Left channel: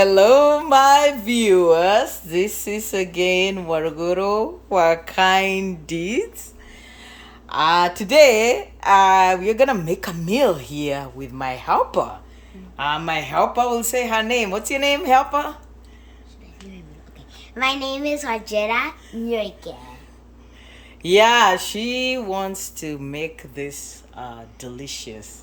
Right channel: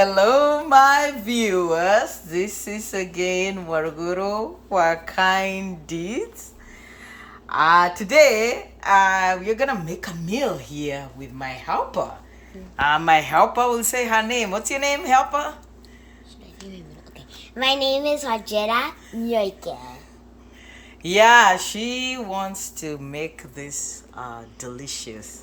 Hello, my viewers. This is again Waruguru for Kind Deeds. Today, we're gonna make a meal here with my helper. My helper will say her name. What's your name, helper? Okay. My name is Hajera Nyoike. Yeah, she wants to make this delicious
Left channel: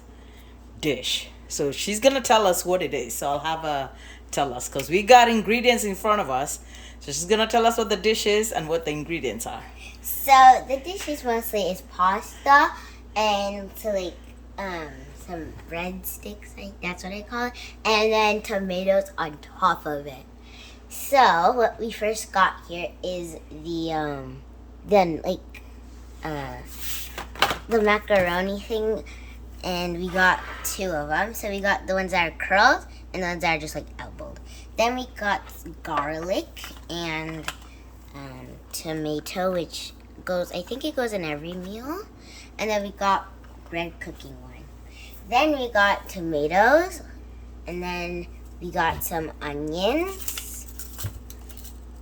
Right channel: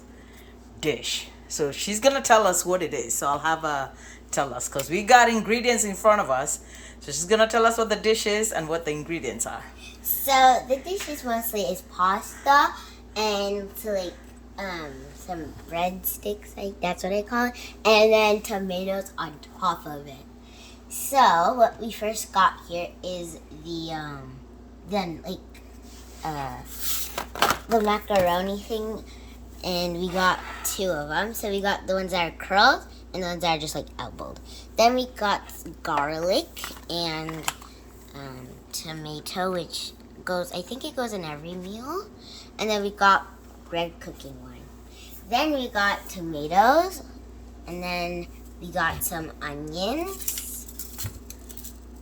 dish. So she's gonna tell us what it is. So I'll have her tell us because we got ingredients in front of us. So she's gonna tell us what the dish is and what the ingredients are. So the dish is mostly pasta and some breadsticks, that's what I call it, and then tomatoes on top of it. So what we first got here is the macaroni thing, and we got two of them. So we got the ones that are curled and the ones that are just like elbowed. Then we got garlic and tomato, which I think it goes in every meal. And then we got red cooking wine. Then we got tomatoes, and then we got some onions.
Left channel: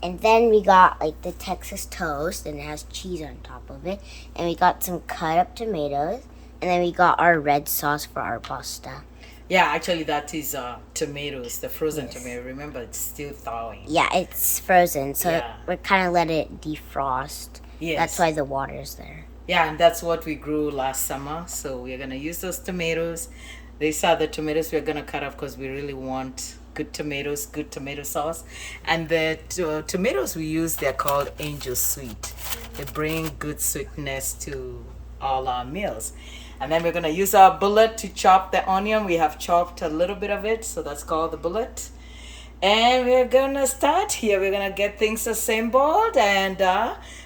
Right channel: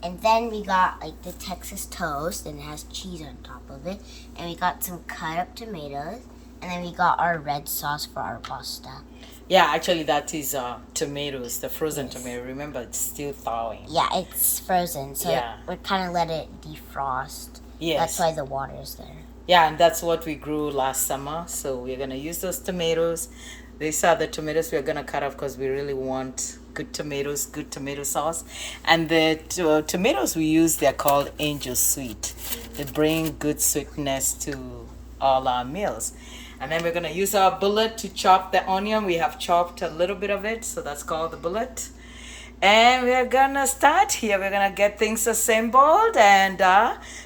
And then we got the Texas toast, and it has cheese on top of it. And we got some cut up tomatoes. And then we got our red sauce for our pasta. Yeah, actually that is tomatoes, the frozen tomato. Remember, it's still thawing. Yeah, it's frozen, so we're kind of let it defrost. Yes. That's why the water is there. Yeah, and that's what we grew last summer. So we're going to use those tomatoes. These are the tomatoes we're going to cut off because we really want good tomatoes, good tomato sauce. And the tomatoes we use, they're called Angel Sweet. They bring good sweetness to all our meals. And then we're going to use our bullet to chop the onion. We have chopped a little bit of it, so that's called the bullet. And we're going to start here. We're going to get things assembled and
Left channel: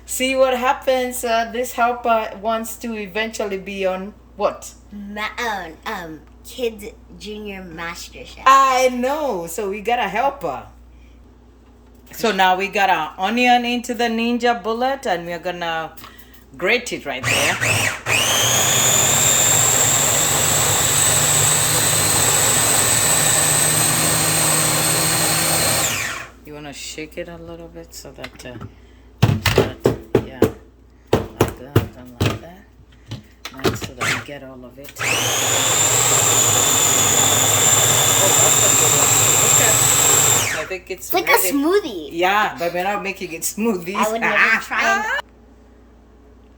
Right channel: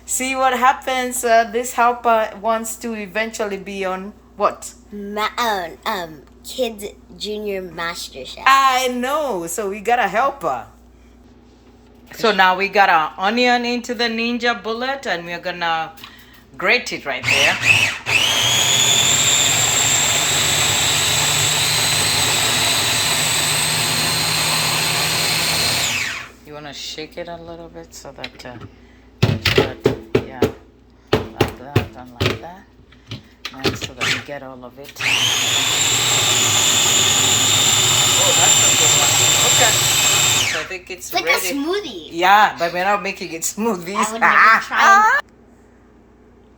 see what happens. This helper wants to eventually be on what? Kids Junior Master Chef. I know. So we got to help her. So now we got our onion into the Ninja bullet, and we're going to grate it right there. You want to shake it a little bit so that, yeah, like that and like that. And so that we get all of it. Oh, that's a good one. Okay. So I think it's like ready. A smoothie. Yeah, but we're not making it smoothies. I would never try.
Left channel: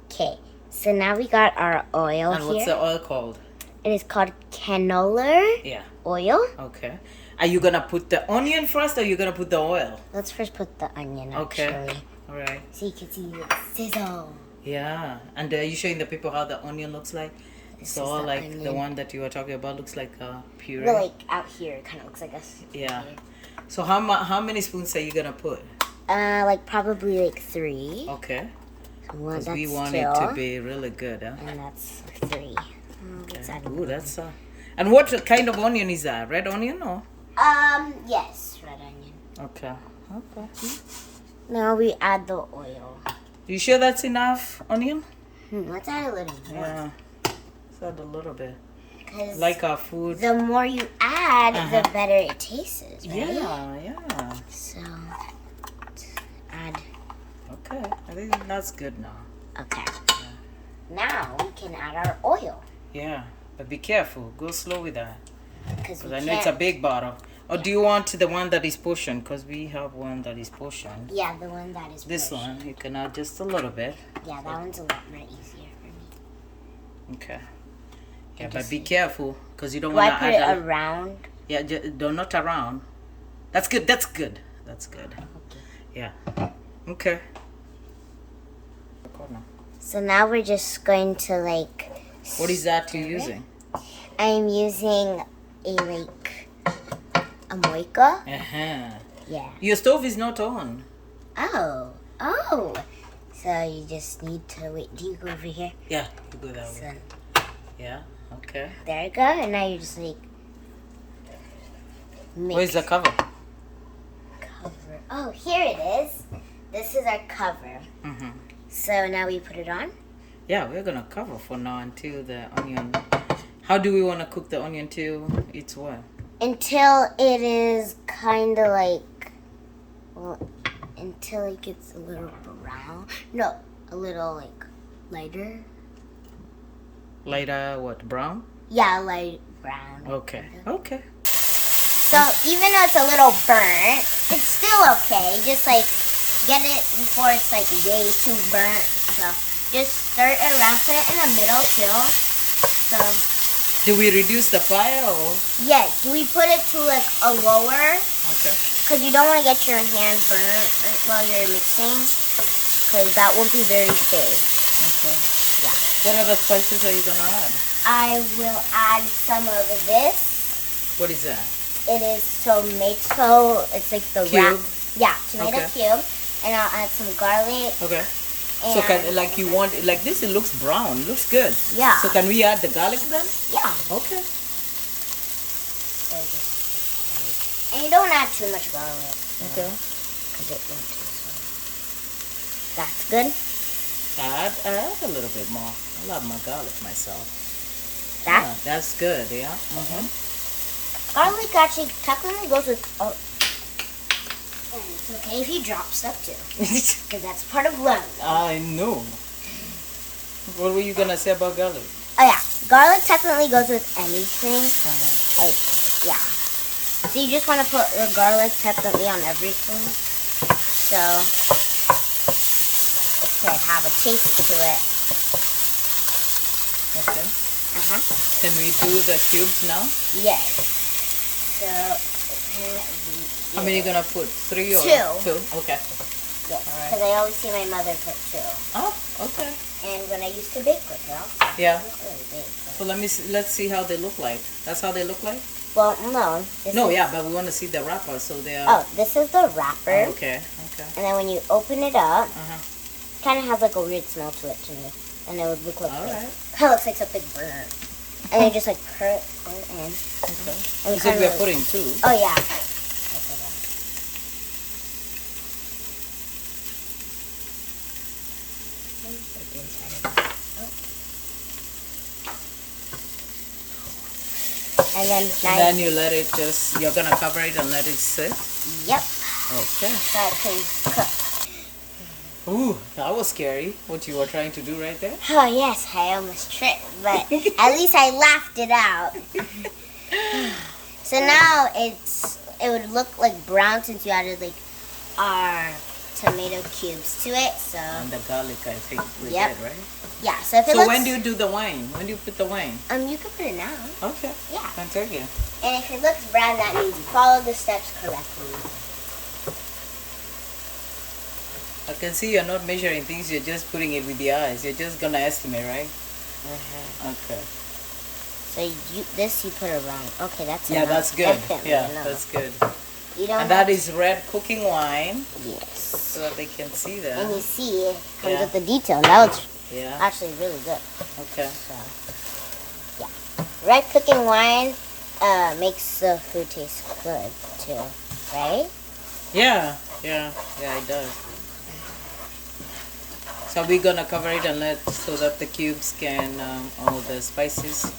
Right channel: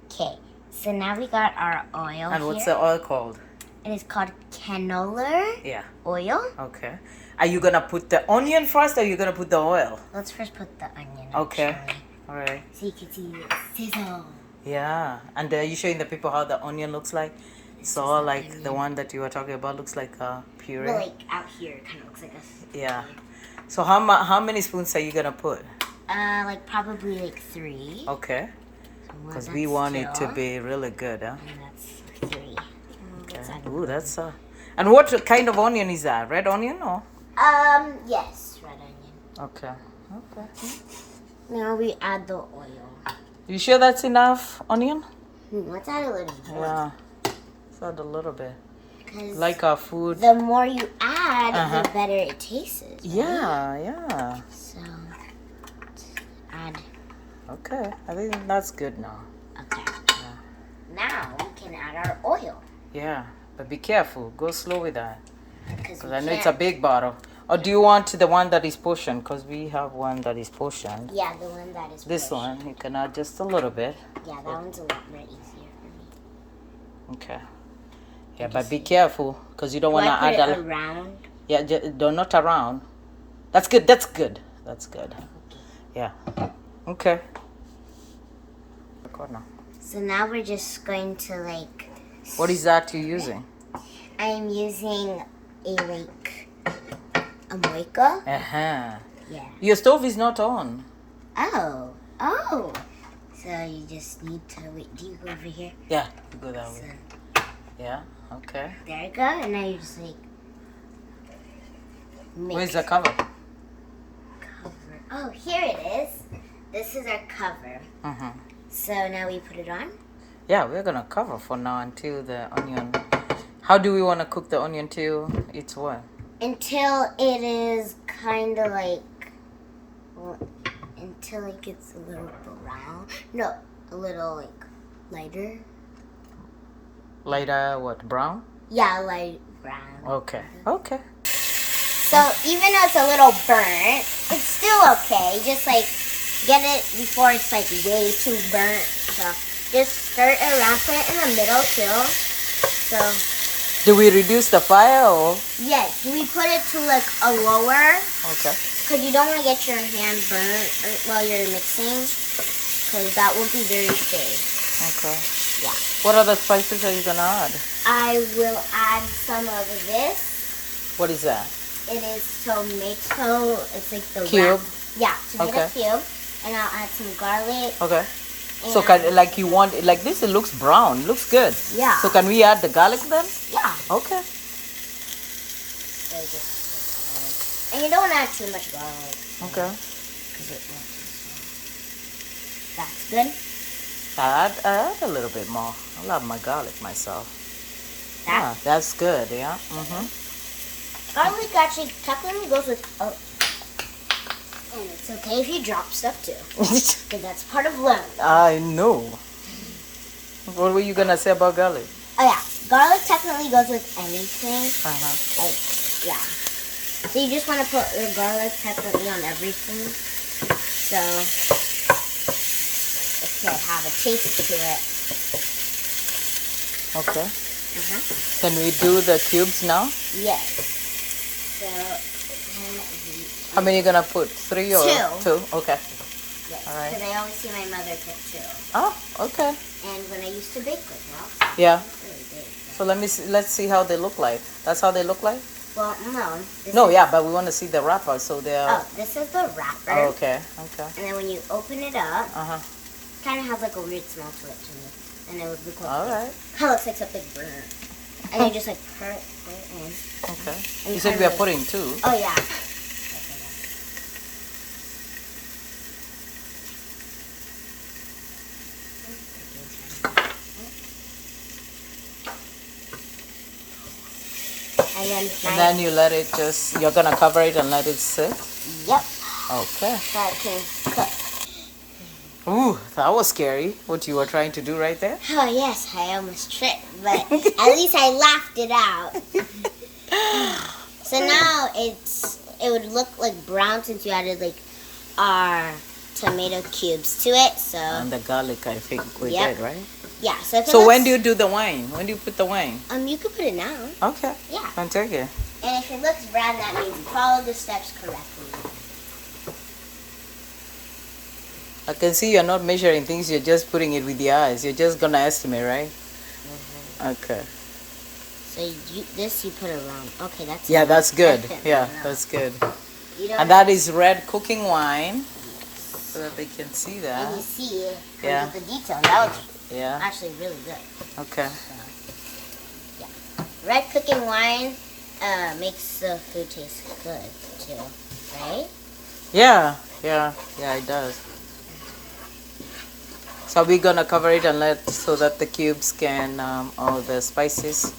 Okay, so now we got our oil. And what's the oil called? It is called canola oil. Okay. Are you going to put the onion first or are you going to put the oil? Let's first put the onion. Okay. Actually. All right. So you can see it sizzle. Yeah. And are you showing the people how the onion looks like? So like onion. The one that you were talking about looks like a puree. But like out here, it kind of looks like a yeah. So how many spoons are you going to put? Probably 3. Okay. Because we want it to be really good, huh? And that's 3. Okay. Ooh, that's And what kind of onion is that? Red onion or? Yes, red onion. Okay. Okay. Now we add the oil. You sure that's enough onion? Let's add a little more. Yeah. Let's add a little bit. Like our food. The more you add, the better it tastes, right? Yeah. So, let's add. Okay. I think that's good now. Okay. Yeah. Now we can add our oil. Yeah. But be careful. Go slow with that. Because I know it's a big bottle. Or do you want the one that is portioned? Because we have one that is portioned. Yeah, the one that is This portioned. one, you can add just a little bit. Yeah, that one's a lot more easier for me. Okay. Yeah, but be careful because you don't want to add it around. Yeah, not around. That's good. That's good. That's good. Okay. Yeah. Okay. So now we're just going to What is that you're using? I'm using a moika. Uh-huh. Yeah. Your stove is not on. Oh. So you just need to wait. Do you go over here? Yeah, you go that way. Yeah, okay. There you go. And now you just mix. Where's the cover? Cover. Oh, here it is. This is our cover. Mm-hmm. So now we put it on? Yeah, we're going to cover for now until the onion. How do we want to cook the onion till it's what? until it is kind of like, well, until it gets a little brown. No, a little like lighter. Lighter, what, brown? Yeah, light brown. Okay. Okay. So even though it's a little burnt, it's still okay. Just like get it before it's like way too burnt. So just stir it around. Put it in the middle too. So Do we reduce the fire or? yes, we put it to like a lower, Okay. because you don't want to get your hand burnt while you're mixing, because that won't be very safe. Okay. Yeah. What other spices are you gonna add? I will add some of this. What is that? It is tomato. It's like the Cube? Yeah, tomato Okay. cube. And I'll add some garlic. Okay. And So like you want it like this? It looks brown. Looks good. Yeah. So can we add the garlic then? Yeah. Okay. And you don't want to add too much garlic. Okay. Because it won't taste well. That's good. Add a little bit more. I love my garlic myself. Yeah, That that's good. Yeah. Mm-hmm. garlic actually technically goes with. Oh. And it's okay if you drop stuff too, because that's part of learning. I know. What were you gonna say about garlic? Oh yeah, garlic technically goes with anything. Uh-huh. Like, yeah. So you just want to put the garlic technically on everything, so it can have a taste to it. Okay. Uh-huh. Can we do the cubes now? Yes. So, How many you gonna put? 3 or Two. Okay. yes, All right. because I always see my mother put 2. Oh, okay. And when I used to bake with her, Yeah. it was really big. So let's see how they look like. That's how they look like? Well, no. This No, is, yeah, but we want to see the wrapper, so they're. Oh, this is the wrapper. Oh, okay. Okay. And then when you open it up, Uh-huh. kind of has like a weird smell to it to me. And it would look like All right. Kind of looks like something burnt. And then just like pour it in. Okay. And You said kinda we are like- putting 2. Oh yeah. And then, And then you let it just, you're gonna cover it and let it sit? yep, Okay. so it can cook. Ooh, that was scary, what you were trying to do right there. Oh yes, I almost tripped, but at least I laughed it out. So now it would look like brown since you added like our tomato cubes to it. So And the garlic, I think we Yep. did, right? yeah, so if it So looks, when do you do the wine? When do you put the wine? you could put it now. Okay. Yeah, I'll take it. and if it looks brown, that means you followed the steps correctly. I can see you're not measuring things, you're just putting it with your eyes. You're just gonna estimate, right? Okay. So you put around. Okay, that's Yeah, enough. that's good. Definitely Yeah, enough. that's good. You don't And have- that is red cooking wine, yes. so that they can see And that. you see, it comes Yeah. with the detail. Now it's Yeah. actually really good. Okay. So, yeah. Red cooking wine makes the food taste good too, right? Yeah. Yeah. Yeah, it does. So we're gonna cover it and let so that the cubes can, all the spices.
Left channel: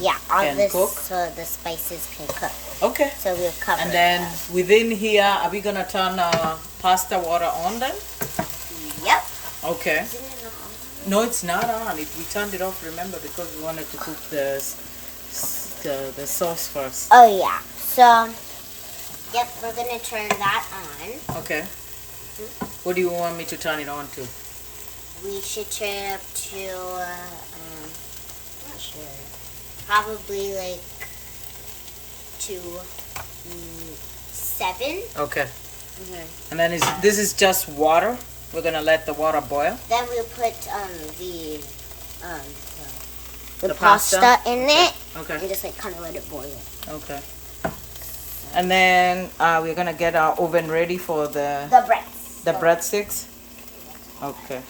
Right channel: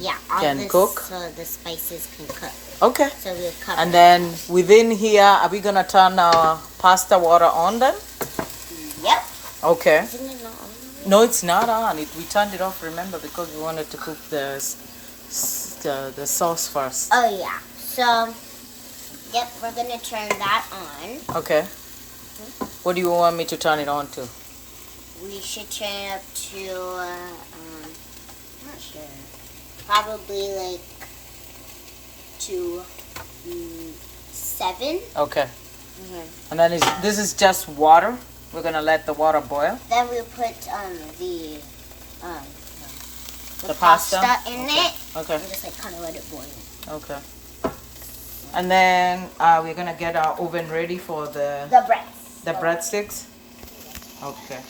Yeah, all Can this cook? so the spices can cook. Okay. So we'll cover And it then up. within here, are we gonna turn our pasta water on then? Yep. Okay. Isn't it not on? No, it's not on. We turned it off, remember, because we wanted to cook the sauce first. Oh yeah. So, yep, we're gonna turn that on. Okay. What do you want me to turn it on to? We should turn it up to, I'm not sure. Probably like to 7. Okay. Mm-hmm. And then this is just water. We're gonna let the water boil. Then we'll put the pasta? pasta in it Okay. and just like kind of let it boil. Okay. And then we're gonna get our oven ready for the The breads. breadsticks. Okay.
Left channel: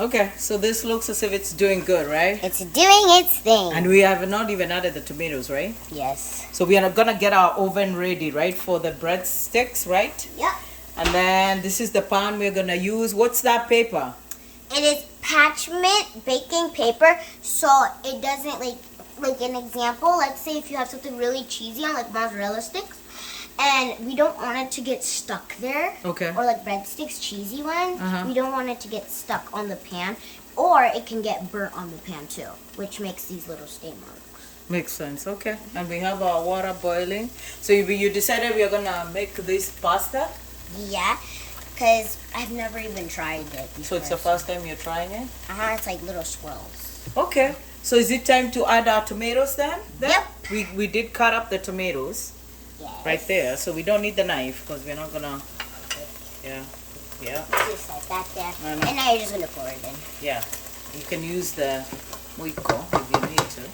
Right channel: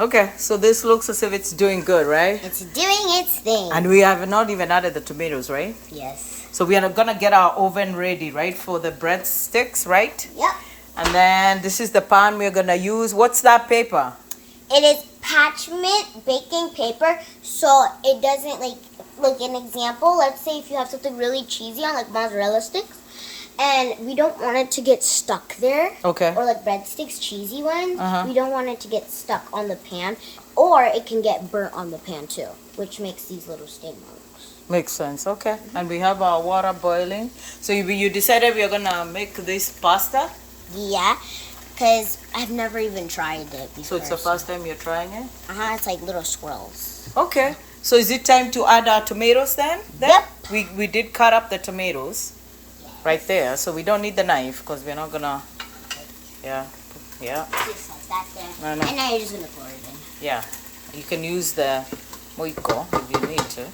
Okay, so this looks as if it's doing good, right? It's doing its thing. And we have not even added the tomatoes, right? Yes. So we are gonna get our oven ready, right, for the breadsticks, right? Yep. And then this is the pan we're gonna use. What's that paper? It is parchment baking paper, so it doesn't like like an example, let's say if you have something really cheesy on like mozzarella sticks, and we don't want it to get stuck there. Okay. Or like breadsticks, cheesy ones. Uh-huh. We don't want it to get stuck on the pan, or it can get burnt on the pan too, which makes these little stain marks. Makes sense. Okay. And we have our water boiling. So you decided we are gonna make this pasta. Yeah, because I've never even tried it before. So it's the first time you're trying it. It's like little swirls. Okay. So is it time to add our tomatoes then? Yep. We did cut up the tomatoes Yes. right there, so we don't need the knife because we're not gonna. Yeah. Yeah. Just like that there. I know. And now you're just gonna pour it in. Yeah. You can use the moiko if you need to.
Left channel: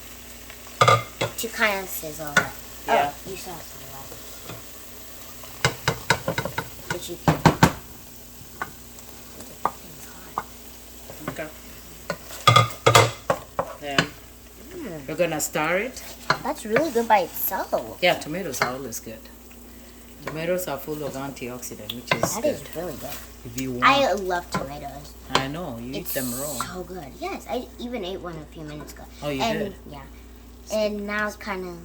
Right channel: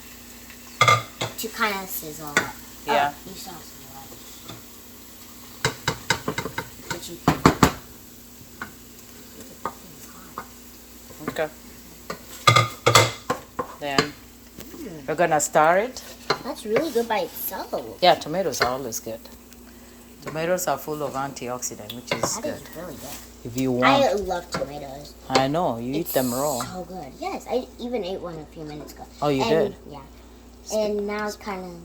To kind of sizzle it. Yeah. Oh, you saw sizzle it. But you can. It's hot. Okay. Then we're gonna stir it. That's really good by itself. Yeah, tomatoes are always good. Tomatoes are full of antioxidant, which is That good. is really good. If you want. I love tomatoes. I know, you eat It's them raw. so good. Yes, I even ate one a few minutes ago. Oh, you did? Yeah. And now kind of.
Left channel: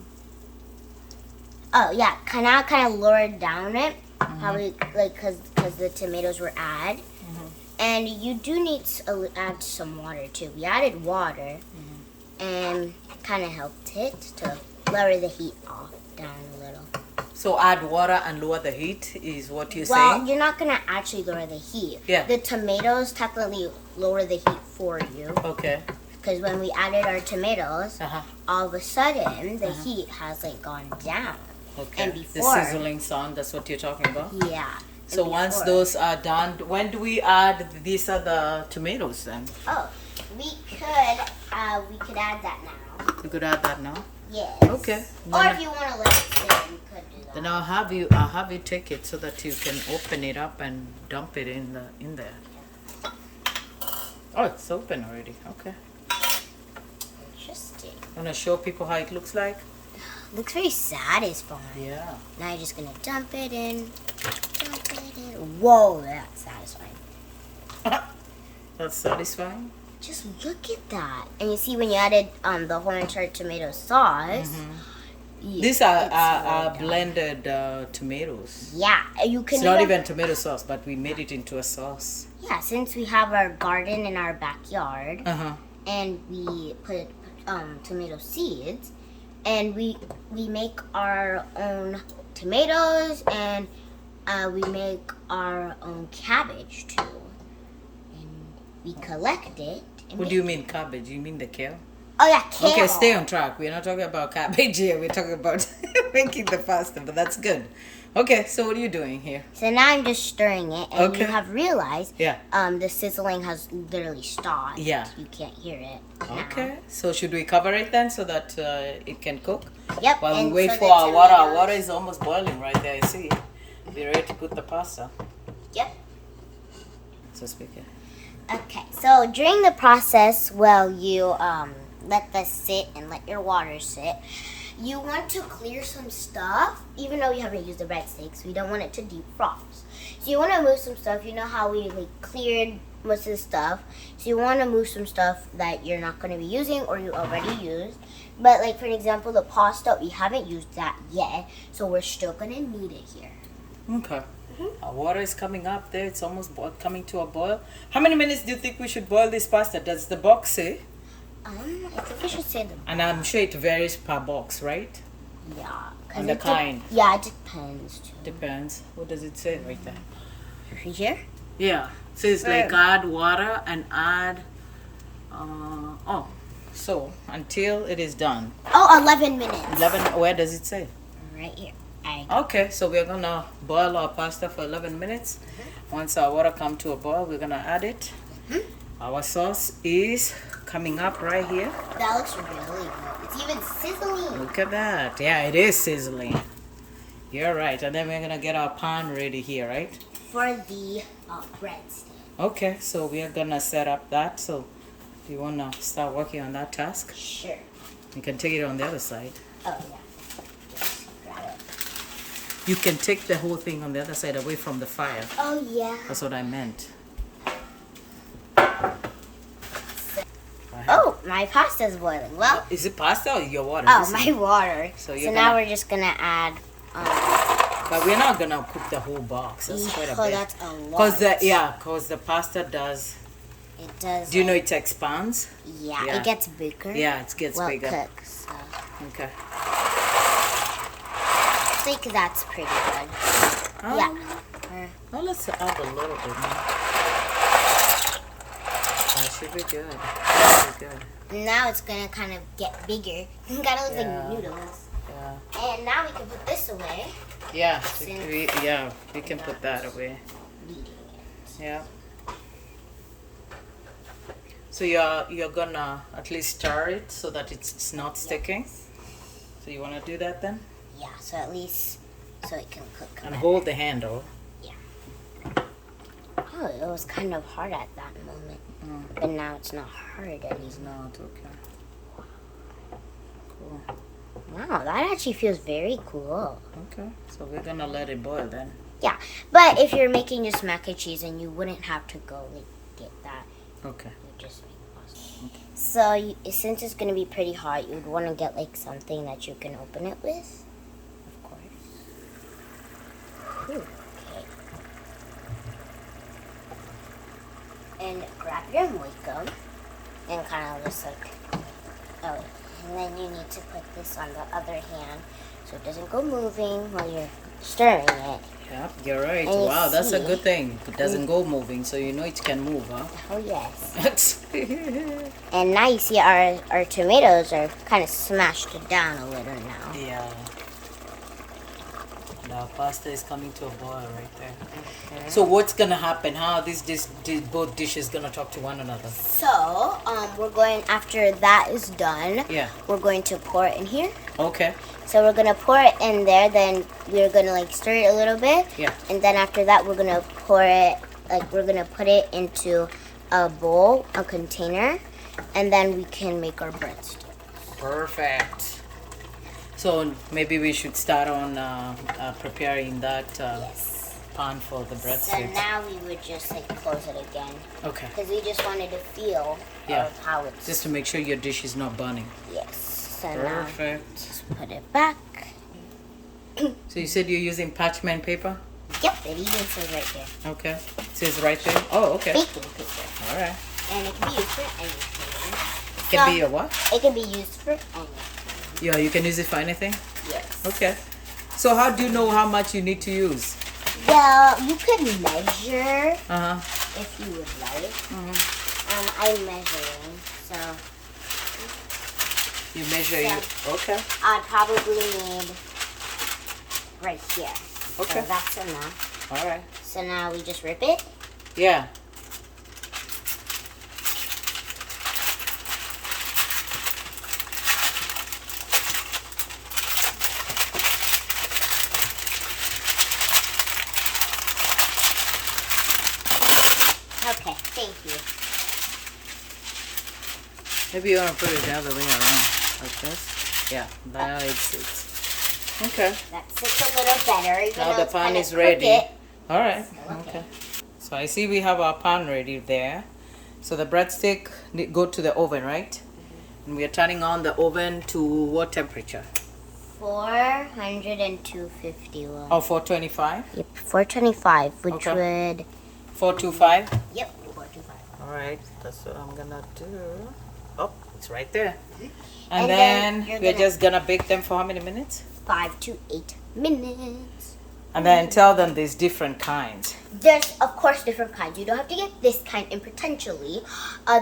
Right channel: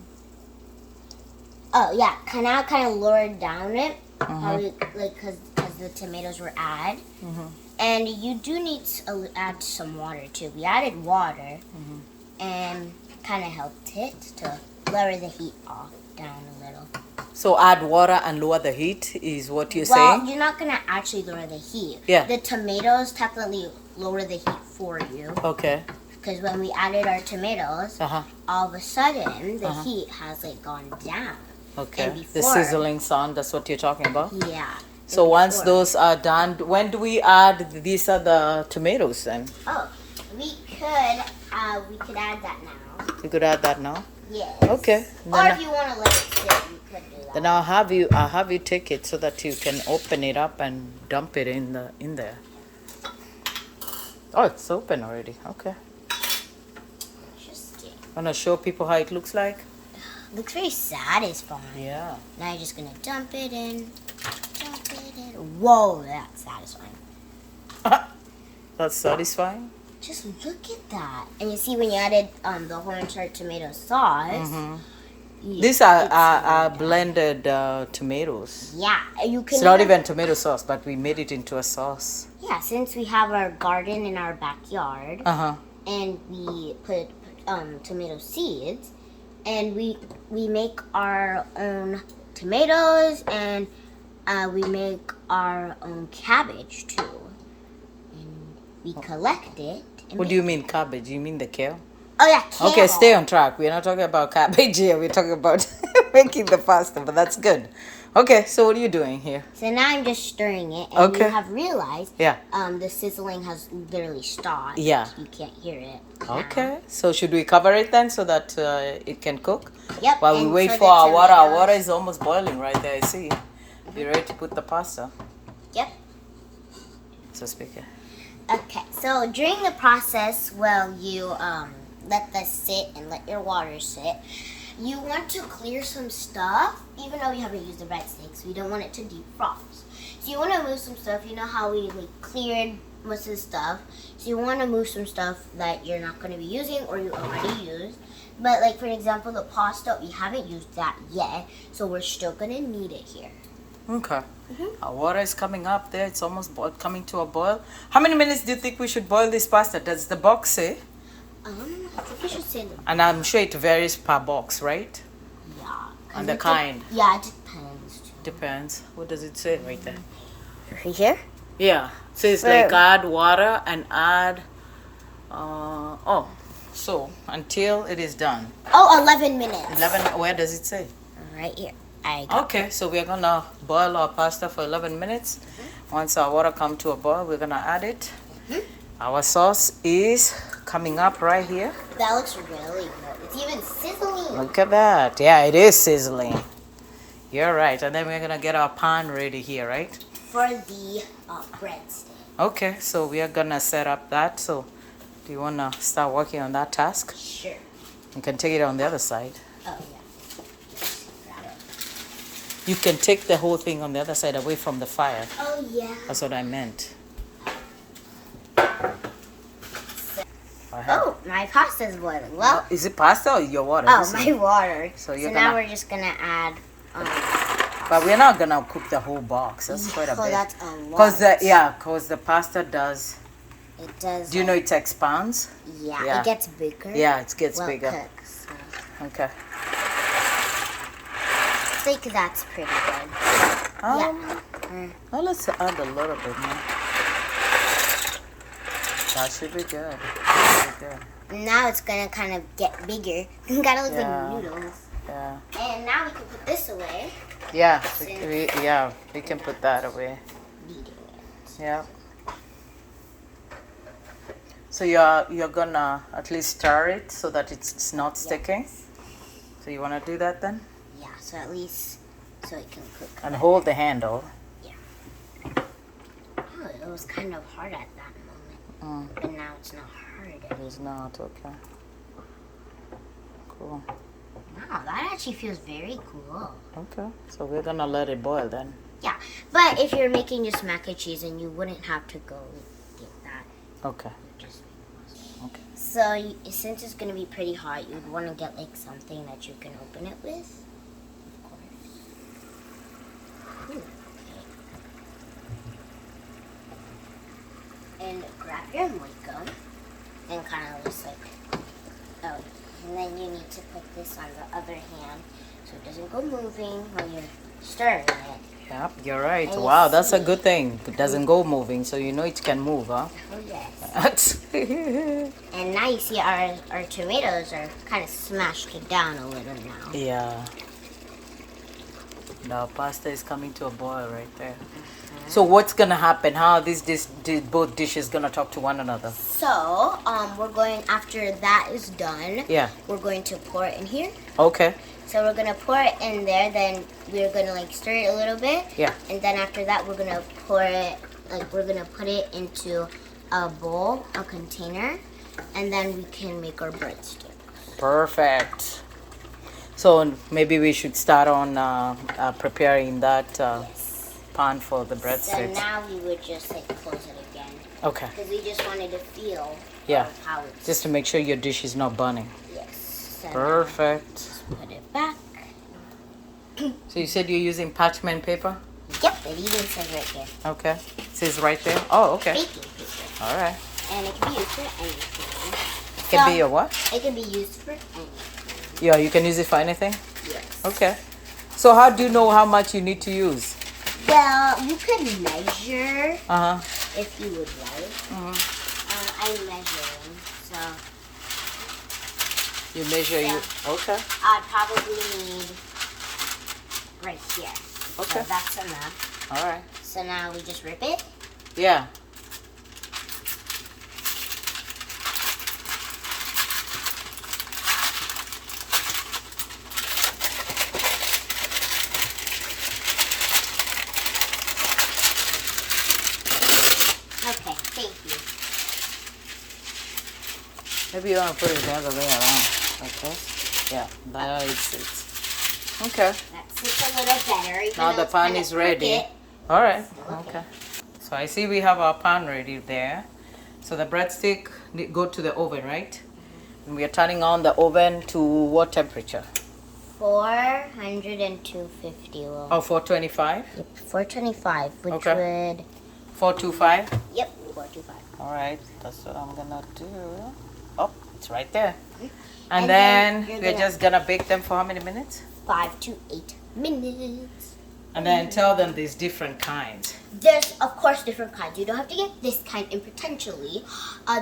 Oh yeah, kind of lowered down it. How we like because the tomatoes were added, and you do need to add some water too. We added water, and kind of helped it to lower the heat off down a little. So add water and lower the heat is what you're Well, saying? you're not gonna actually lower the heat. Yeah. The tomatoes technically lower the heat for you. Okay. Because when we added our tomatoes, Uh-huh. all of a sudden the heat has like gone down. Okay. And The before- sizzling sound, that's what you're talking about? Yeah. So And once before- those are done, when do we add these other tomatoes then? Oh, we could add that now. We could add that now? Yes. Okay. Or Then, if you want to let it sit, you could do that. then I'll have you take it so that you can open it up and dump it in there. Oh, it's open already. Okay. Interesting. Wanna show people how it looks like? Looks very satisfying. Yeah. Now you're just gonna dump it in. Dump it in. Whoa, that's satisfying. That's satisfying. Just look at that. And you see when you added the hornchurch tomato sauce. These it's are slowed down. blended tomatoes. Yeah, you can. It's not even tomato sauce, but we made it into a sauce. Yeah, since we have our garden in our backyard, Uh-huh. and we put tomato seeds, and we make our own tomatoes, and we make our own cabbage too. And we collect it. And What do you mean cabbage? You mean the kale? Oh yeah, kale. Okay, stay on track. We're not talking about cabbage here. We're talking about making the pasta, but that's good. Okay, so what are you doing here? So now I'm just stirring it, and Okay. you have realized, Yeah. the sizzling has literally stopped. Yeah. You can't hear it. now. Okay, so should we cover it then so that it can cook? Yep. While we and wait so for the our water. Our tomatoes- water is almost boiling right there, I see. Be ready to put the pasta. Yep. So speak it. Okay, so during the process, while you let this sit and let your water sit, you want to clear some stuff, even though you haven't used the breadsticks. We don't want it to defrost. So you want to move some stuff. You know how we cleared most of the stuff. So you want to move some stuff that you're not going to be using or you already used. But for example, the pasta, we haven't used that yet, so we're still going to need it here. Okay. Our water is coming up there. It's almost coming to a boil. How many minutes do you think we should boil this pasta? Does the box say? I think we should say the And I'm sure it varies per box, right? yeah. And the kind. Yeah, it depends. Too. Depends. What does it say right there? Right here? Yeah. It says add water and add. So until it is done. Oh, 11 minutes. 11. Where does it say? Right here. Okay, so we're gonna boil our pasta for 11 minutes. Once our water come to a boil, we're gonna add it. Our sauce is coming up right here. That looks really good. It's even sizzling. Look at that. Yeah, it is sizzling. You're right. And then we're gonna get our pan ready here, right? For the breadstick. Okay, so we are gonna set up that. So do you wanna start working on that task? Sure. You can take it on the other side. Oh, yeah. Just grab it. You can take the whole thing on the other side away from the fire. Oh, yeah. That's what I meant. Oh, my pasta's boiling. Well, Is it pasta or your water? oh, This my is- water. So So you're now gonna- we're just gonna add. But we're not gonna cook the whole box. That's quite a Oh, bit. that's a lot. Cause the pasta does. It does. Do you know it expands? Yeah, Yeah. it gets bigger. Yeah, it gets well bigger. cooked, so Okay. I think that's pretty good. Well, let's add a little bit more. That should be good. That should be good. Now it's gonna kind of get bigger. It kind of looks Yeah. like noodles. Yeah. And now we can put this away. Yeah. We can put that away. Beating it. Yeah. So you're gonna at least stir it so that it's not sticking. So you wanna do that then? Yeah, so at least so it can cook. And hold the handle. Oh, it was kind of hard at that moment, but now it's not hard anymore. It's not okay. Cool. Wow, that actually feels very cool. Okay. So we're gonna let it boil then. Yeah, but if you're making just mac and cheese, and you wouldn't have to go like, get that. Okay. You just make pasta. Okay. So since it's gonna be pretty hot, you'd want to get like something that you can open it with. Of course. Ooh, okay. And grab your moiko and kind of just like, oh, and then you need to put this on the other hand so it doesn't go moving while you're stirring it. Yep, you're right. And you Wow, that's a see- good thing. It doesn't go moving, so you know it can move, huh? Oh yes. That's And now you see our tomatoes are kind of smashed down a little now. yeah. The pasta is coming to a boil right there. So what's gonna happen? How are both dishes gonna talk to one another? So, we're going, after that is done, Yeah. we're going to pour it in here. Okay. So we're gonna pour it in there, then we're gonna like stir it a little bit. Yeah. And then after that, we're gonna pour it, like we're gonna put it into a bowl, a container, and then we can make our breadsticks. Perfect. So maybe we should start on preparing that pan for the So breadsticks. now we would just like close it again, Okay. because we just wanted to feel Yeah. how it's. Just to make sure your dish is not burning. Yes. So now Perfect. put it back. So you said you're using parchment paper? Yep, it even says right there. Okay. It says right there. Oh, okay. Baking paper. All right. And it can be used for anything. Can be your what? It can be used for anything. Yeah, you can use it for anything? Yes. Okay. So how do you know how much you need to use? Well, you could measure Uh-huh. if you would like. I'm measuring, so You measure you. Okay. I'd probably need right here. Okay. So that's enough. All right. So now we just rip it. Yeah. Okay, thank you. Maybe you want to put it the other way around. Like this? Yeah. Now it's okay. That sits a little better. Even Now though the it's pan kinda is ready. crooked. All right. Okay. Okay. So I see we have our pan ready there. So the breadstick go to the oven, right? And we are turning on the oven to what temperature? 400 and 250. Well, Oh, 425? yep, 425, which Okay. would 425? yep 425. All right. That's what I'm gonna do. Oh, it's right there. And And then then you're we're gonna- just gonna bake them for how many minutes? 5 to 8 minutes. And then tell them there's different kinds. There's of course different kinds. You don't have to get this kind in potentially.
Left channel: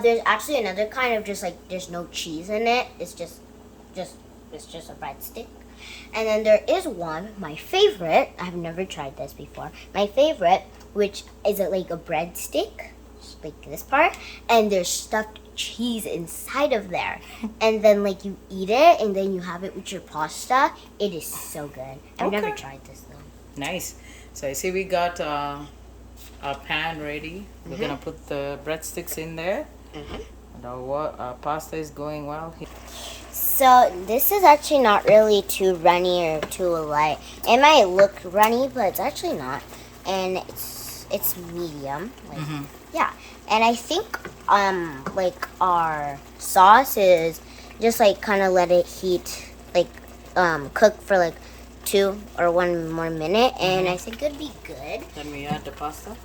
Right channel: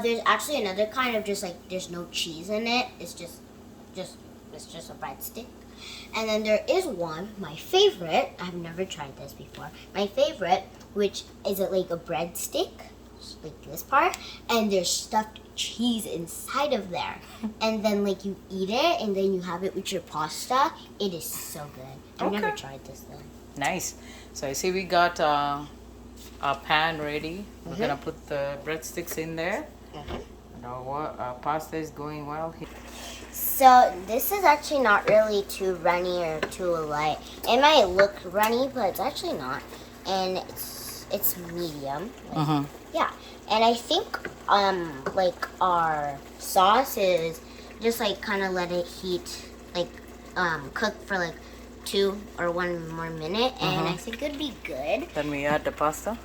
There's actually another kind of just like there's no cheese in it. It's just a breadstick. And then there is one, my favorite. I've never tried this before. My favorite, which is like a breadstick, like this part, and there's stuffed cheese inside of there. And then like you eat it, and then you have it with your pasta. It is so good. I've never Okay. tried this though. Nice. So I see we got our pan ready. We're gonna put the breadsticks in there. And our pasta is going well. So this is actually not really too runny or too light. It might look runny, but it's actually not. And it's medium. Like, yeah. And I think like our sauce is just like kind of let it heat, like cook for like 2 or 1 more minute, and I think it'd be good. Then we add the pasta.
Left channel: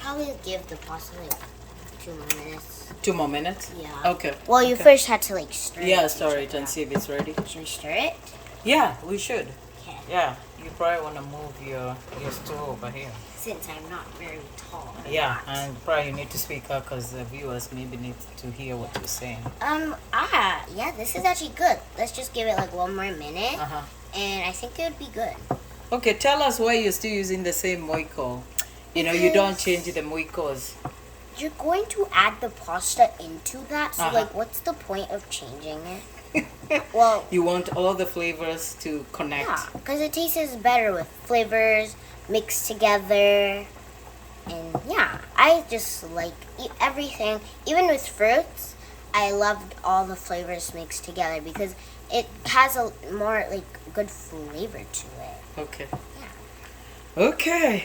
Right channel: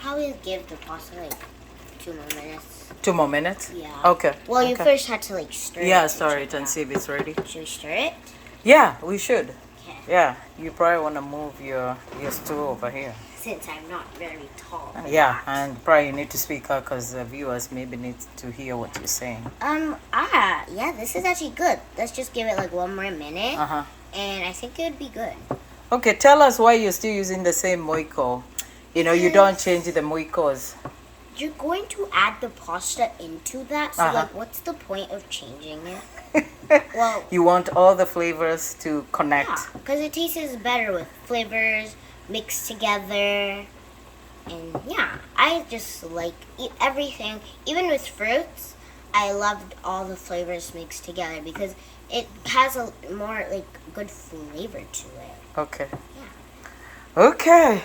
Probably give the pasta like 2 more minutes. 2 more minutes? Yeah. Okay. Well, you okay. first had to like stir it. Yeah, stir it and see if it's ready. Should we stir it? Yeah, we should. Okay. Yeah, you probably want to move your stool over here. Since I'm not very tall. Yeah, and probably you need to speak up because the viewers maybe need to hear what you're saying. Yeah, this is actually good. Let's just give it like 1 more minute, Uh-huh. and I think it would be good. Okay, tell us why you're still using the same moiko. You know, you don't change the moikos. You're going to add the pasta into that, so like, what's the point of changing it? Well, you want all the flavors to connect. yeah, because it tastes better with flavors mixed together. And yeah, I just like everything, even with fruits. I loved all the flavors mixed together because it has a more like good flavor to it. Okay. Yeah. Okay.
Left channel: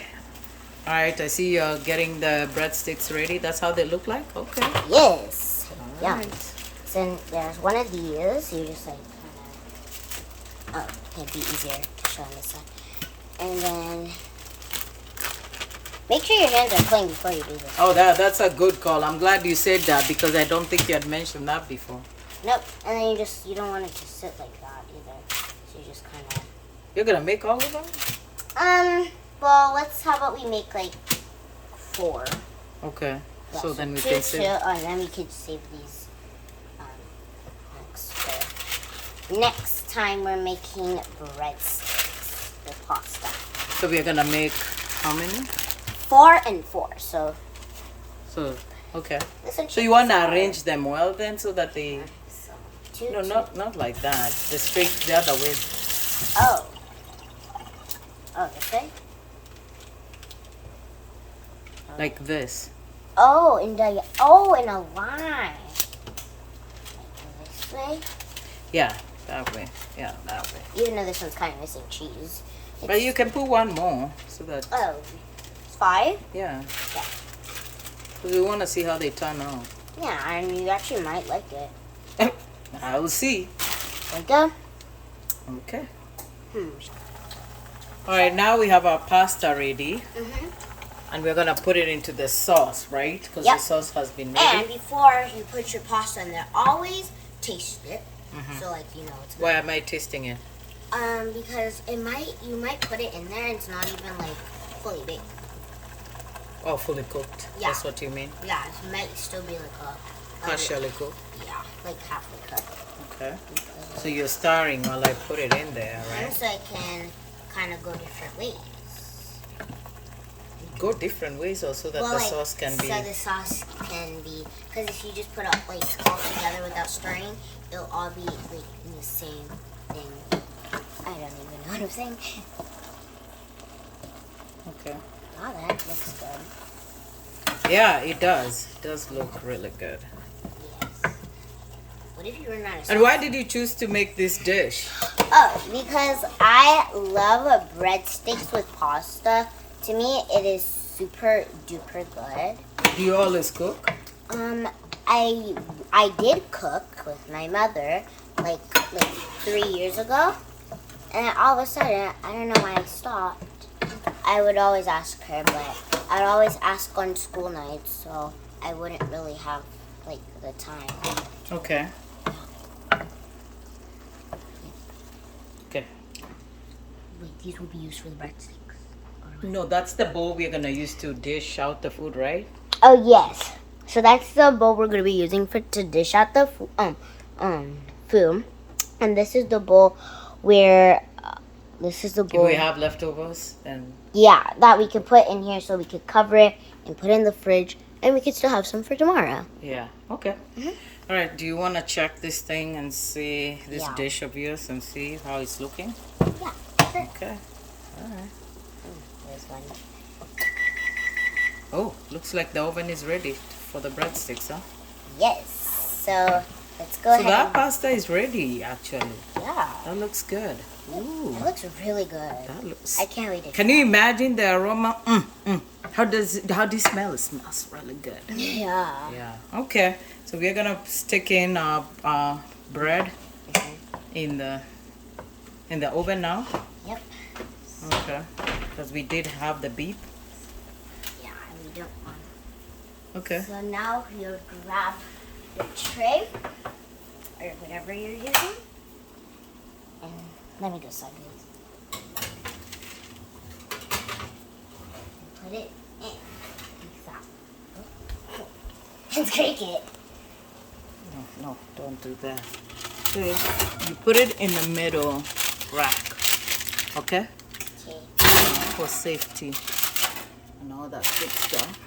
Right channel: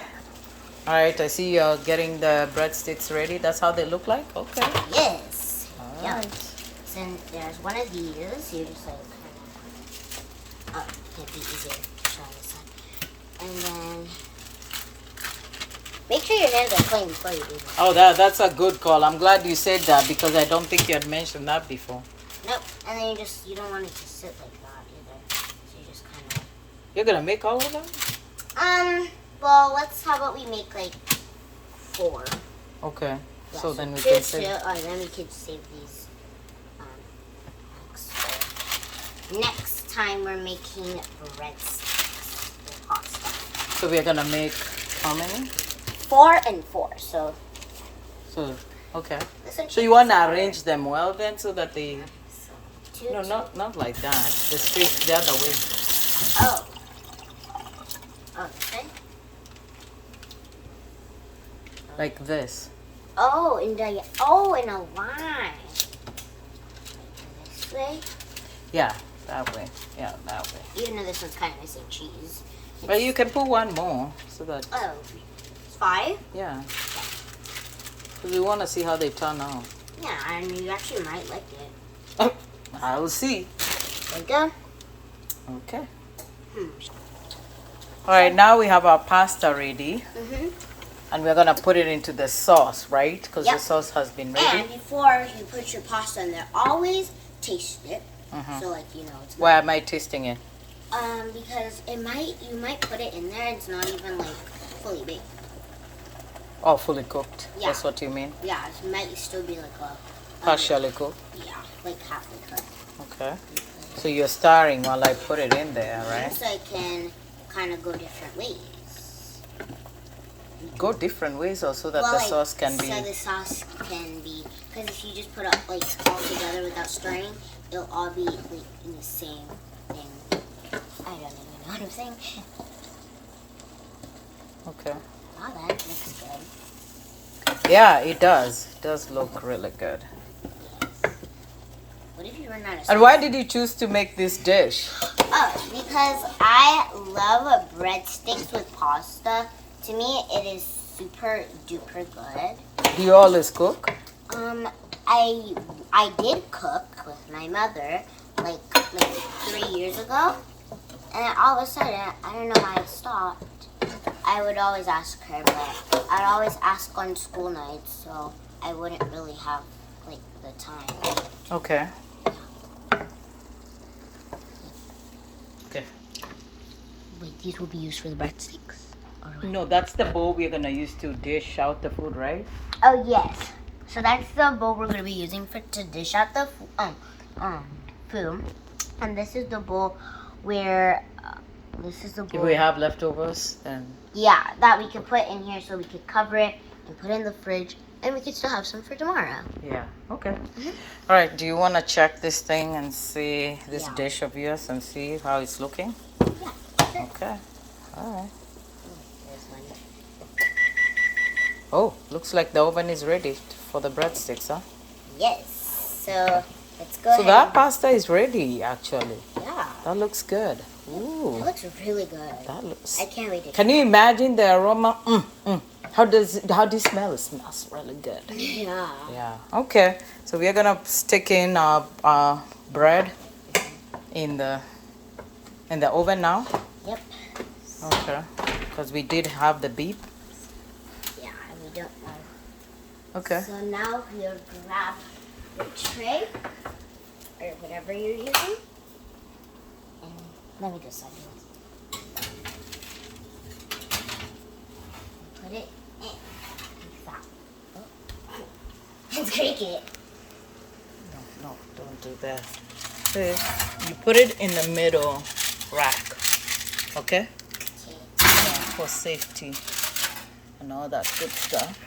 All right, I see you're getting the breadsticks ready. That's how they look like? Okay. Yes. All Yeah. right. So there's one of these. You just like, it'd be easier to show on this side. And then make sure your hands are clean before you do this. Oh, that's a good call. I'm glad you said that because I don't think you had mentioned that before. Nope. And then you don't want it to sit like that either. So you just kind of. You're going to make all of them? Well, how about we make like 4. Okay. Yeah, So then we 2, can 2, save. and then we could save these. Next time we're making breadsticks with pasta. So we're going to make how many? 4 and 4. So Okay. this one So you want to arrange them well then so that they... two, No, not like that. The other way. Oh. Oh, this way? Like this. Oh, in a line. This way? Yeah, that way. Yeah, that way. Even though this one's kind of missing cheese. But you can put one more so that... Oh, 5? Yeah. Because we want to see how they turn out. Yeah, and you actually might like it. I will see. There we go. Okay. All right, now we have our pasta ready. And we're going to put it into the sauce, right? Because Yep. the sauce has been And ready. before you put your pasta in there, always taste it. So like it's Why am I tasting it? because you might put it in there and it's not even like fully baked. Oh, fully cooked. Yeah. That's what you mean? Yeah, it might still be like a Partially cooked. yeah, like halfway cooked. Okay. So you're stirring while I put it in there, right? So it can kind of go different ways. Go different ways also that the sauce can be... So the sauce can be, because if you just put it like all together without stirring, it'll all be like in the same thing. I don't even know what I'm saying. Okay. Wow, that looks good. Yeah, it does. It does look really good. Yes. What if you run out of sauce? And why did you choose to make this dish? Oh, because I love breadsticks with pasta. To me, it is super duper good. Do you always cook? I did cook with my mother like 3 years ago, and all of a sudden, I don't know why I stopped. I would always ask her, but I'd always ask on school nights, so I wouldn't really have like the time. Okay. Okay. Wait, these will be used for the breadsticks. No, that's the bowl we're gonna use to dish out the food, right? Oh yes. So that's the bowl we're gonna be using to dish out the food, and this is the bowl where If we have leftovers, then that we could put in here so we could cover it and put it in the fridge, and we could still have some for tomorrow. yeah. Okay. All right. Do you want to check this thing and see this Yeah. dish of yours and see how it's looking? Yeah. Sure. Okay. All right. This one. Oh, looks like the oven is ready for the breadsticks, huh? Yes. So let's go So ahead. that pasta is ready, actually. Yeah. That looks good. Ooh, It looks really good. that looks... I can't wait to Can you imagine the aroma? How do you smell? It smells really good. Yeah. Yeah. Okay. So we are gonna stick in our bread in the oven now. Yep. Okay. Because we did have the beep. Yeah, we don't want. Okay. So now you'll grab the tray or whatever you're using, and let me do something. Put it in. Let's break it. No, don't do that. So you put it in the middle rack. Okay. Okay. For safety and all that good stuff.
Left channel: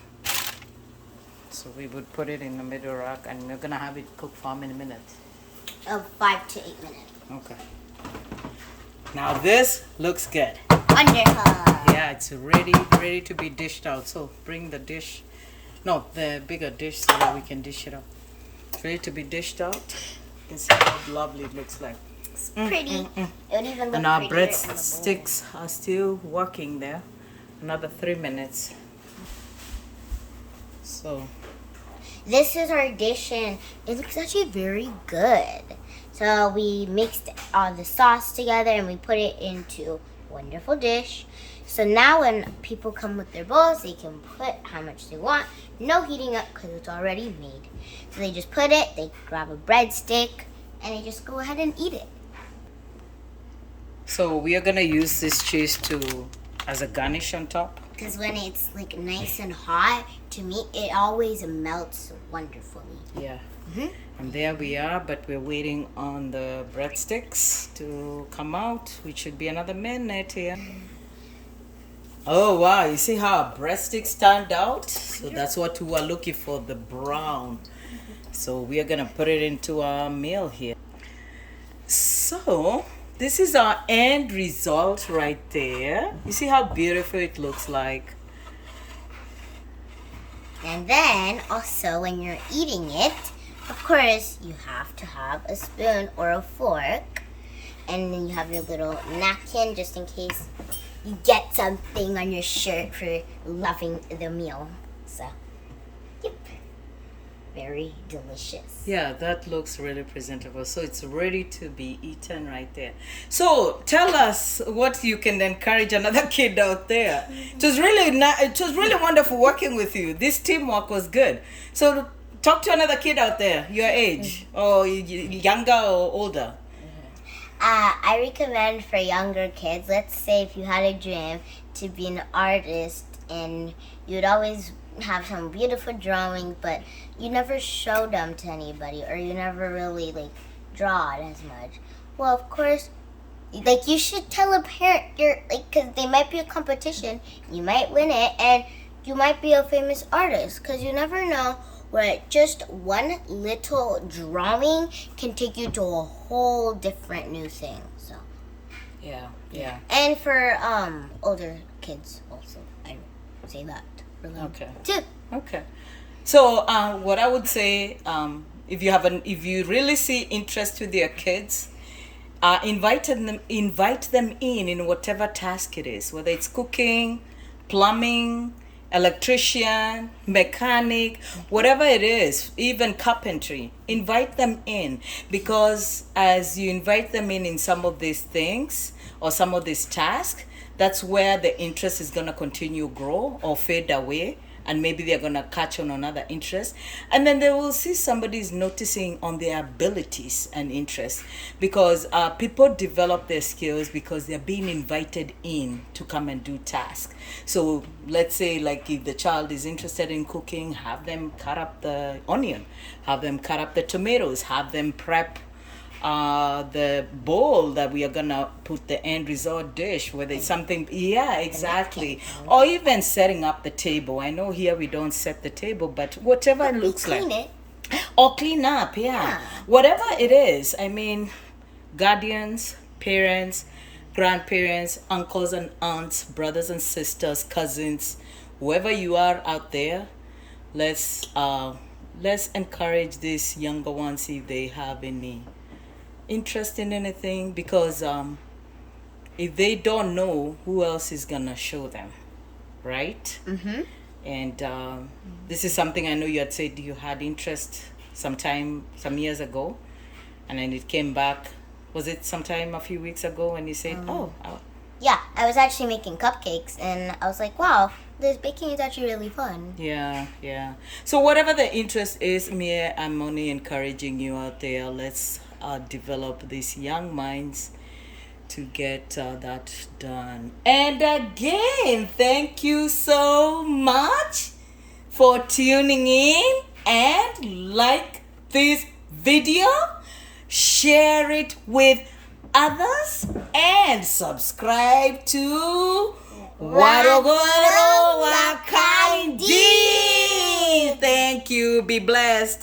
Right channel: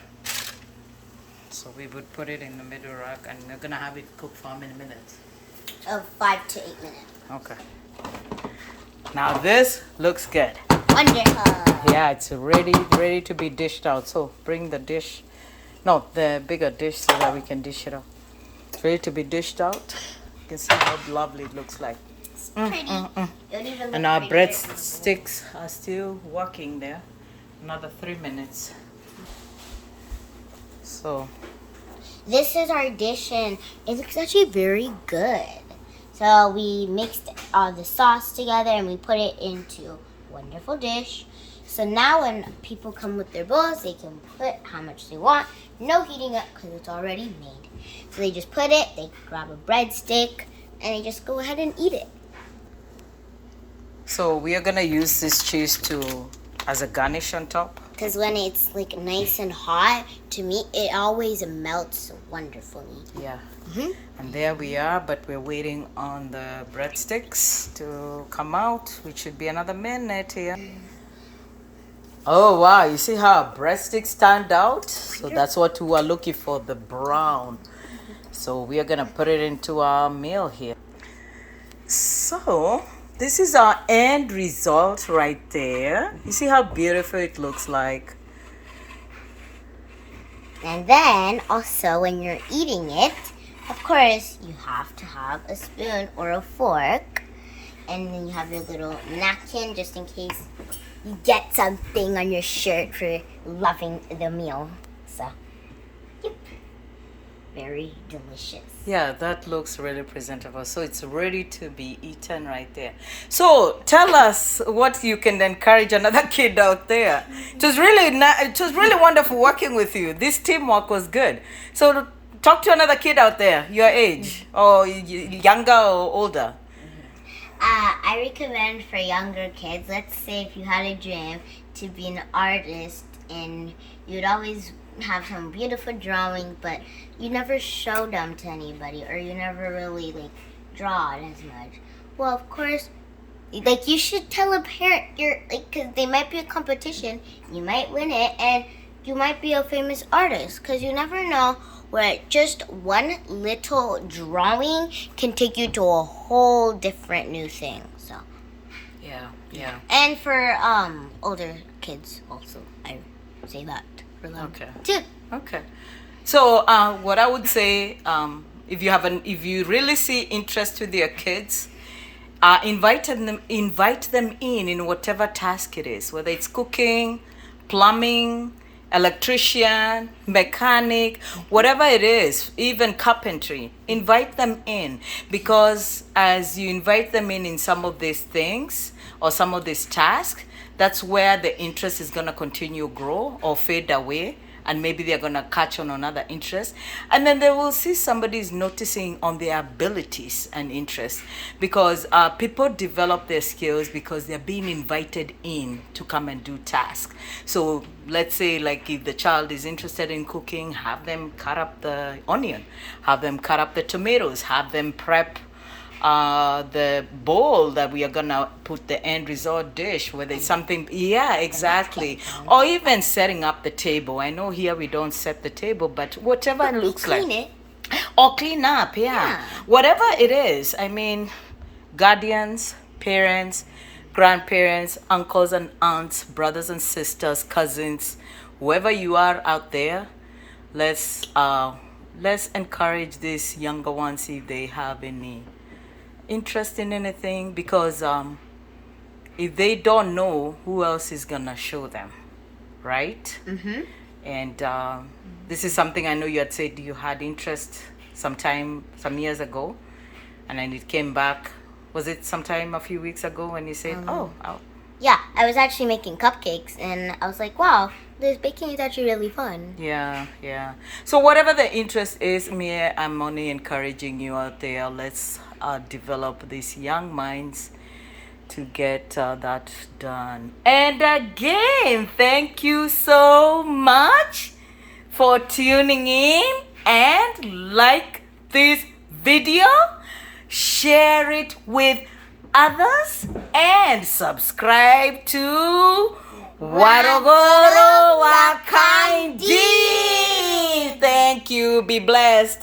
So we would put it in the middle rack, and we're gonna have it cook for how many minutes? 5 to 8 minutes. Okay. Now this looks good. Wonderful. Yeah, it's ready to be dished out. So bring the dish, no, the bigger dish so that we can dish it out. It's ready to be dished out. You can see how lovely it looks like. It's pretty. It would even look And our prettier in the breadsticks are still working there. Another 3 minutes. So This is our dish, and it looks actually very good. So we mixed all the sauce together and we put it into a wonderful dish. So now when people come with their bowls, they can put how much they want. No heating up because it's already made. So they just put it, they grab a breadstick, and they just go ahead and eat it. So we are gonna use this cheese as a garnish on top. Because when it's like nice and hot, to me, it always melts wonderfully. Yeah. Mm-hmm. And there we are, but we're waiting on the breadsticks to come out, which should be another minute here. Oh wow, you see how our breadsticks turned out? So that's what we were looking for, the brown. So we are gonna put it into our meal here. So this is our end result right there. You see how beautiful it looks like? And then also when you're eating it, of course, you have to have a spoon or a fork. And then you have your little napkin just in case you get something on your shirt for loving the meal. So, yep. Very delicious. Yeah, that looks really presentable. So it's ready to be eaten right there. So tell us what you can encourage another kid out there. It was really wonderful working with you. This teamwork was good. So talk to another kid out there, your age, or younger or older. I recommend for younger kids, let's say if you had a dream to be an artist and you'd always have some beautiful drawing, but you never showed them to anybody or you never really draw it as much. Well, of course, you should tell a parent because they might be a competition, you might win it, and you might be a famous artist because you never know where just one little drawing can take you to a whole different new thing. So Yeah. and for older kids also, I say that for them too. Okay. So what I would say, if you really see interest with your kids, invite them in whatever task it is, whether it's cooking, plumbing, electrician, mechanic, whatever it is, even carpentry. Invite them in, because as you invite them in some of these things or some of these tasks, that's where the interest is going to continue grow or fade away, and maybe they're going to catch on another interest, and then they will see somebody's noticing on their abilities and interests, because people develop their skills because they're being invited in to come and do tasks. So let's say if the child is interested in cooking, have them cut up the onion, have them cut up the tomatoes, have them prep the bowl that we are gonna put the end result dish, whether it's something, yeah, exactly, or even setting up the table. I know here we don't set the table, but whatever it looks like, Clean it. or clean up, yeah, whatever it is. I mean, guardians, parents, grandparents, uncles and aunts, brothers and sisters, cousins, whoever you are out there, let's encourage these younger ones if they have any interest in anything, because if they don't know, who else is gonna show them? right? Mm-hmm. And this is something I know you had said you had interest some years ago, and then it came back. Was it sometime a few weeks ago when you said, Yeah, I was actually making cupcakes, and I was like, wow, this baking is actually really fun. yeah, yeah. So whatever the interest is, me, I'm only encouraging you out there. Let's develop these young minds to get that done. And again, thank you so much for tuning in, and like this video, share it with others, and subscribe to Warogoro Wakaindi. Thank you. Be blessed.